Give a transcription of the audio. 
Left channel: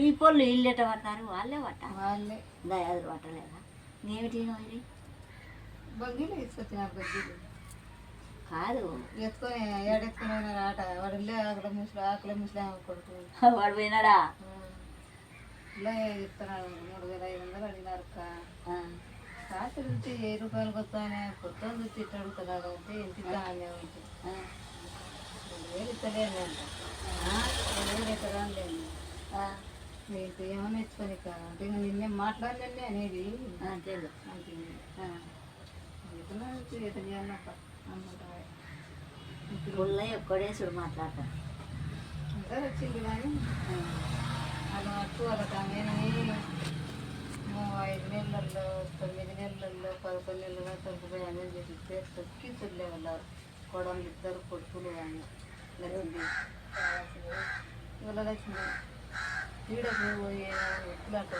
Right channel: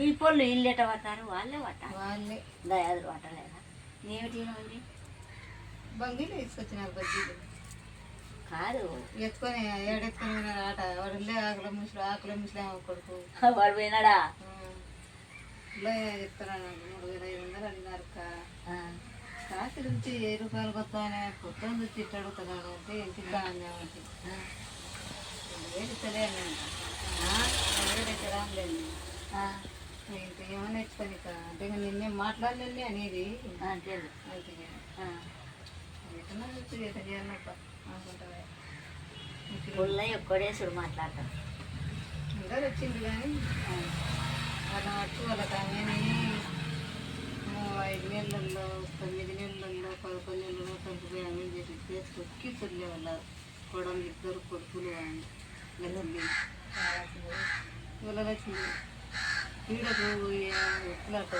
ఈ పొల్లు ఇల్లు పట్టారు? వాళ్ళే పట్టాలి వాళ్ళే. దయాదులు పట్టలేదా? ఏమిటి బంగీలు తీసుకొచ్చినారు బజ్జీలు. కాదు. ఎత్తుకొని ఏడెత్తుకొని పోయినారు ఆట. వాడు ఆకుల ముసలి ఆకుల ముసలి కొడుకు. వాడు పోయినాడా? చెప్తున్నాను మూడు వేల ఐదు వందలు అడిగినారు కాసులు ఇచ్చి ఏ రూపాయలు కొత్త ఇచ్చి ఇట్టు అడుగుతున్నాడు అంటే ఎంత ఇద్దామని అంటే రెండు వేలు ఇస్తలే అంట ఏమన్నా ఇచ్చుకొని ఇక అంటే ఇంకా నిన్నే మాట్లాడలేండి అనేది. ఆ, తెలు అంటే ఆ, ఎట్లా వచ్చి ఎట్లా చేయాలప్ప అనుకుంటా పుల్లయ్య ఒక్కడేసుడు మాట్లాడటం ఇంకా వచ్చింది కానీ వాళ్ళ మట్టు వాళ్ళ కామేని ఐదు నెలల్లో తొమ్మిది నెలల్లో పదకొండు నెలల్లో తొంభై ఆమె చేసి తొక్కి చెల్లే వాళ్ళ కొడలు ఇద్దరు కొడుకులు అని. వాళ్ళ లక్ష్మి పీడకు ఎత్తులాట